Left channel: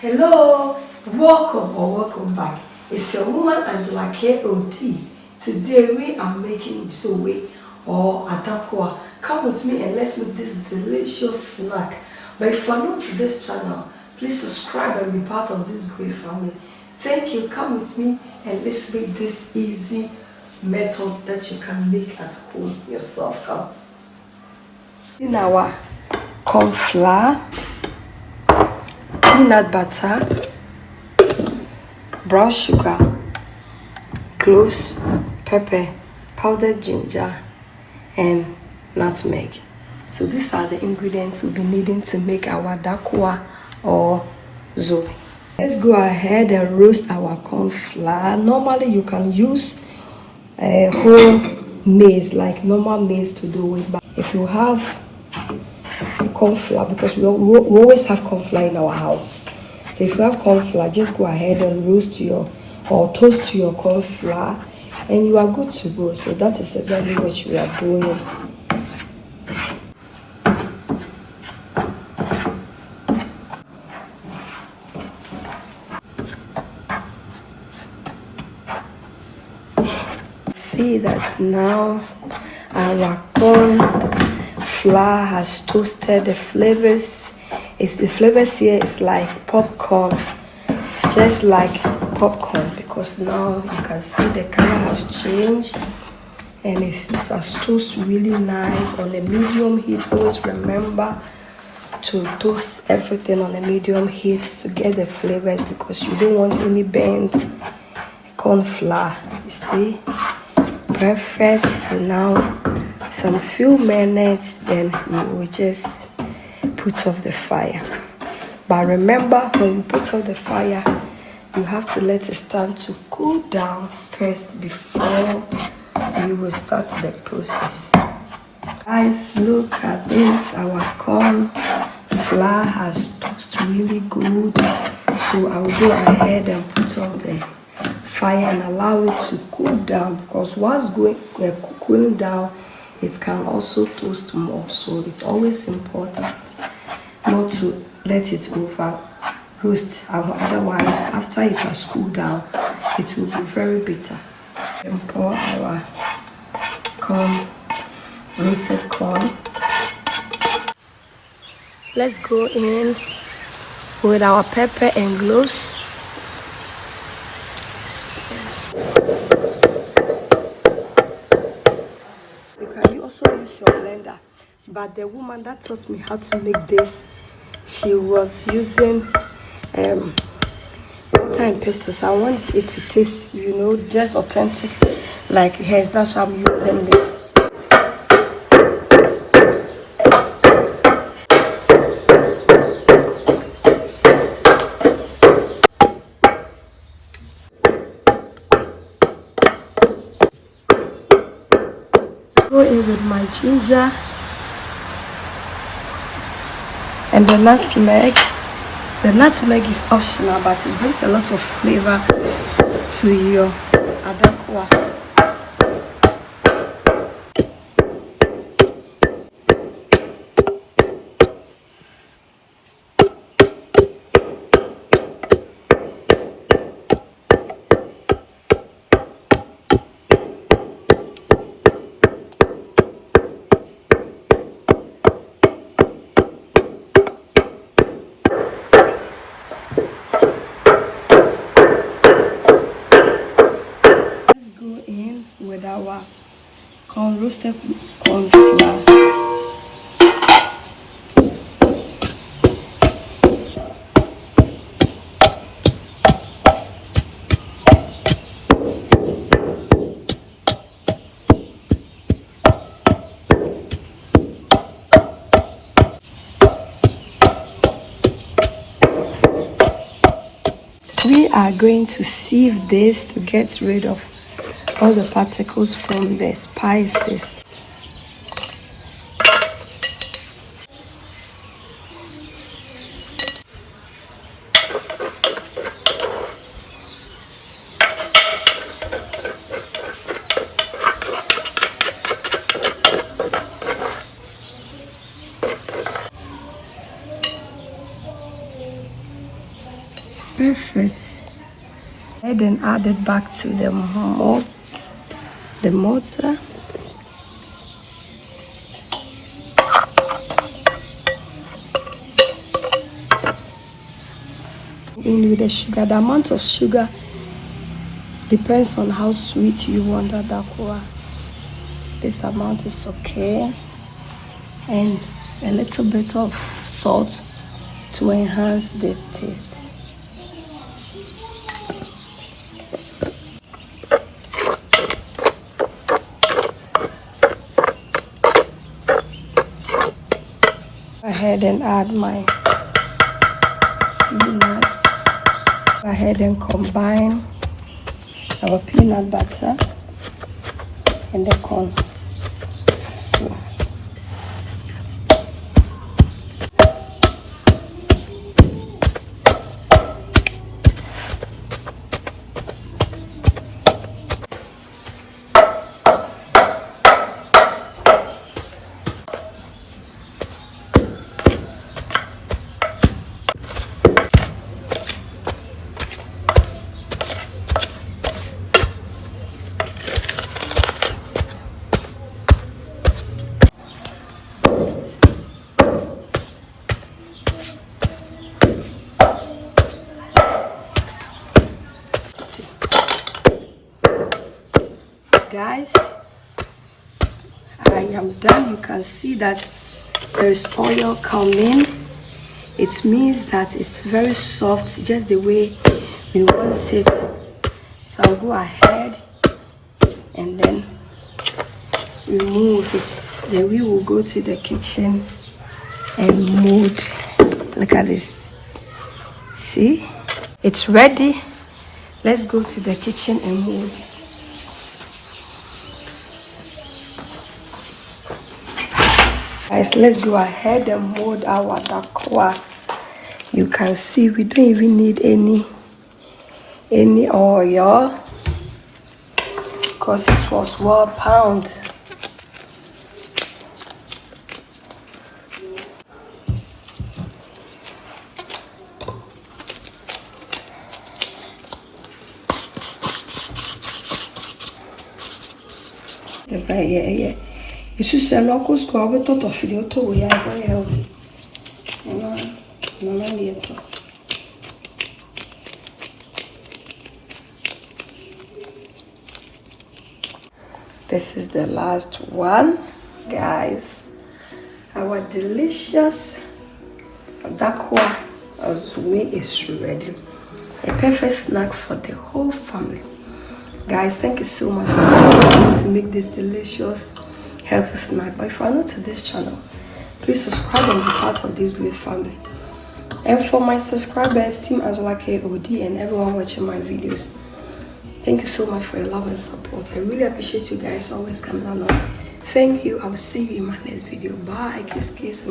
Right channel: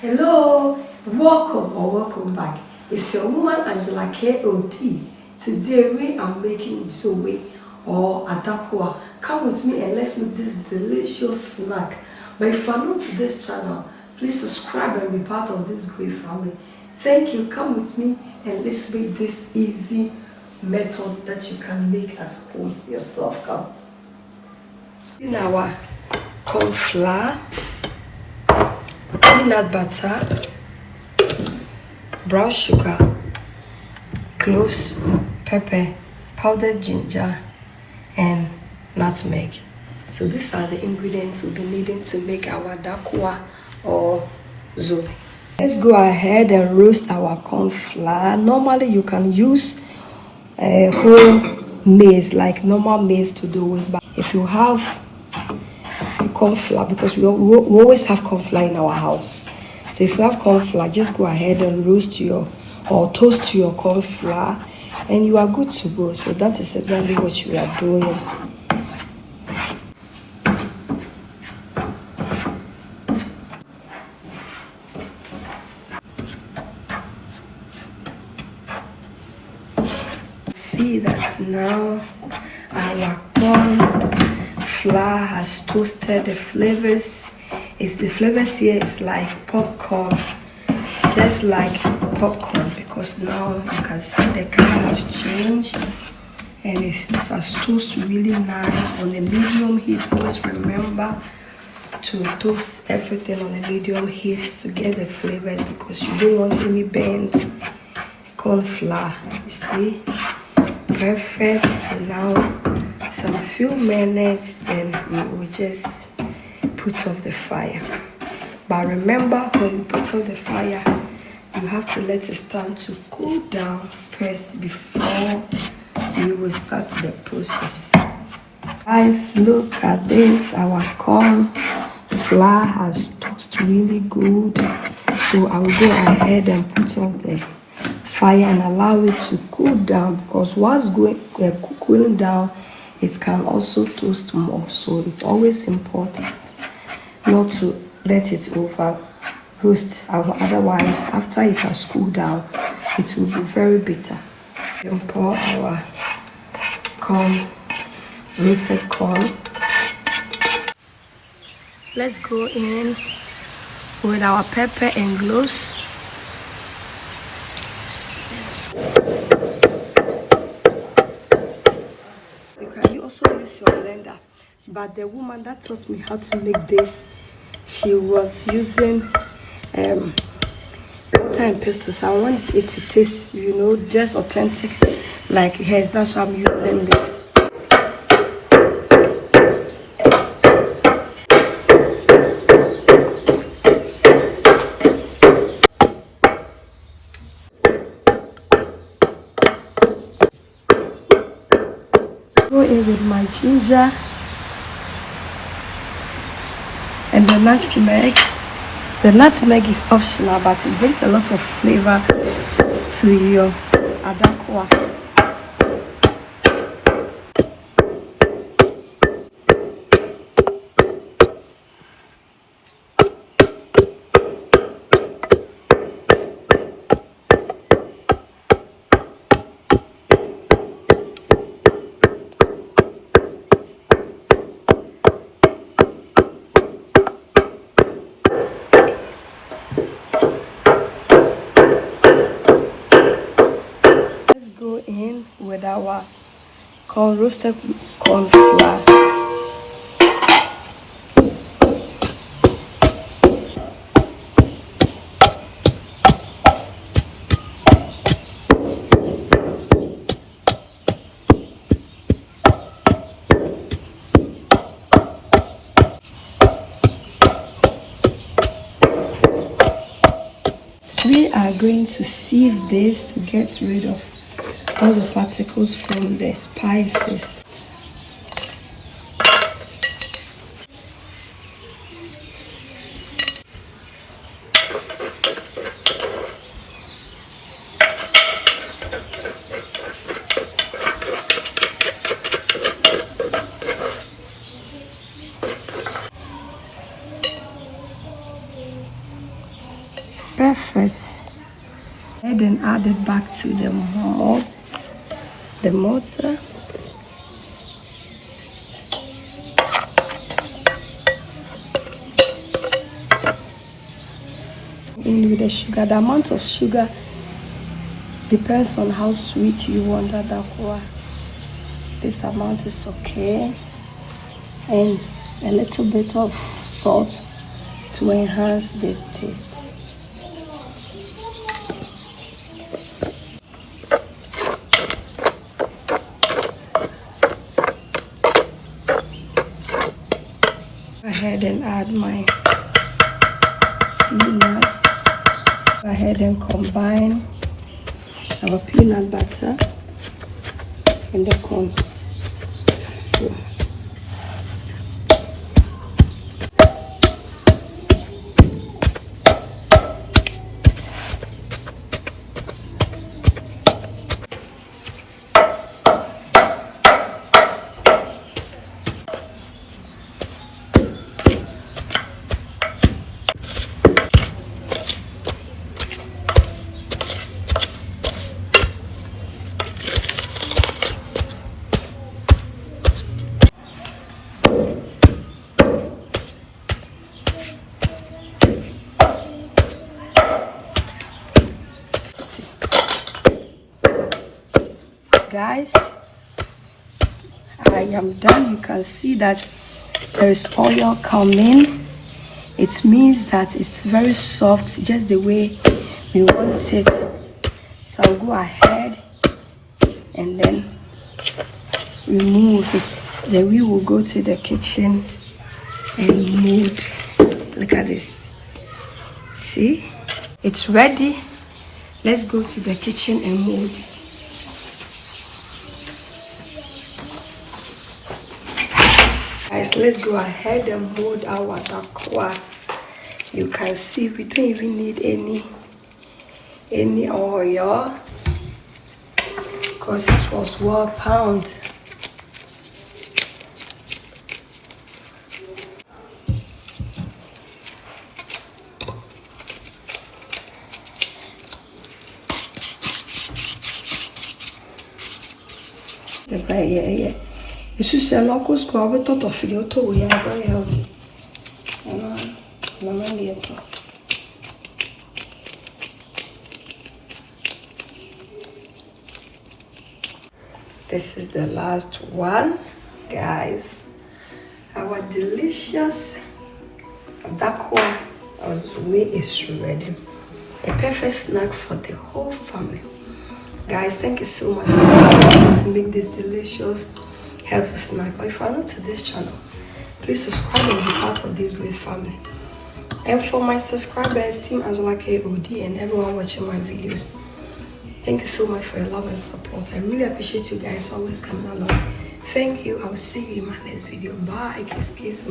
Hello, welcome back. It's your woman Angela KOD. Today we are making Dzowoe or Adaakwa. Come with me and let's make this delicious snack. But if you are new to this channel, please subscribe and be part of this great family. Thank you. Come with me and let's make this easy method that you can make at home yourself. Come. In our corn flour, peanut butter, brown sugar, cloves, pepper, powdered ginger, and nutmeg. So these are the ingredients we'll be needing to make our Adaakwa or Dzowoe. Let's go ahead and roast our corn flour. Normally you can use whole maize, like normal maize to do it, but if you have corn flour, because we always have corn flour in our house, so if you have corn flour, just go ahead and roast or toast your corn flour and you are good to go. So that is exactly what you are doing. See that now our corn flour has toasted. The flavors here is like popcorn, just like popcorn, because now you can see the color has changed and it has toasted really nice on the medium heat. Always remember to toast everything on the medium heat to get the flavors, because you don't want any burnt corn flour. You see, perfect. So now some few minutes, then we will just put off the fire. But remember, when you put off the fire, you have to let it start to cool down first before you will start the process. Guys, look at this. Our corn flour has toasted really good. So I will go ahead and put off the fire and allow it to cool down, because whilst cooling down, it can also toast more. So it's always important not to let it over roast, otherwise after it has cooled down it will be very bitter. And pour our corn, roasted corn. Let's go in with our pepper and cloves. You also use your blender, but the woman that taught me how to make this, she was using water and pesto. So I want it to taste, just authentic like hers. That's why I'm using this. Go in with my ginger and the nutmeg. The nutmeg is optional, but it brings a lot of flavor to your Adaakwa. In with our roasted corn flour. We are going to sieve this to get rid of all the particles from the spices. perfect. And then add it back to the mortar. In with the sugar, the amount of sugar depends on how sweet you want Adaakwa. This amount is okay, and a little bit of salt to enhance the taste. Go ahead and add my peanuts. Go ahead and combine our peanut butter and the corn flour. Guys, I am done. You can see that there is oil coming. It means that it's very soft, just the way we want it. So I'll go ahead and then remove it. Then we will go to the kitchen and mold. Look at this. See, it's ready. Let's go to the kitchen and mold. Guys, let's go ahead and mold our Adaakwa. You can see we don't even need any oil because it was well pounded. Yeah. It's just a local school, but thought of video too. We are very healthy. This is the last one, guys. Our delicious Adaakwa Dzowoe is ready. A perfect snack for the whole family. Guys, thank you so much for helping me to make this delicious healthy snack. But if you are new to this channel, please subscribe and be part of this great family. And for my subscribers, Team Angela KOD, and everyone watching my videos, thank you so much for your love and support. I really appreciate you guys always coming along. Thank you. I will see you in my next video. Bye. Kiss.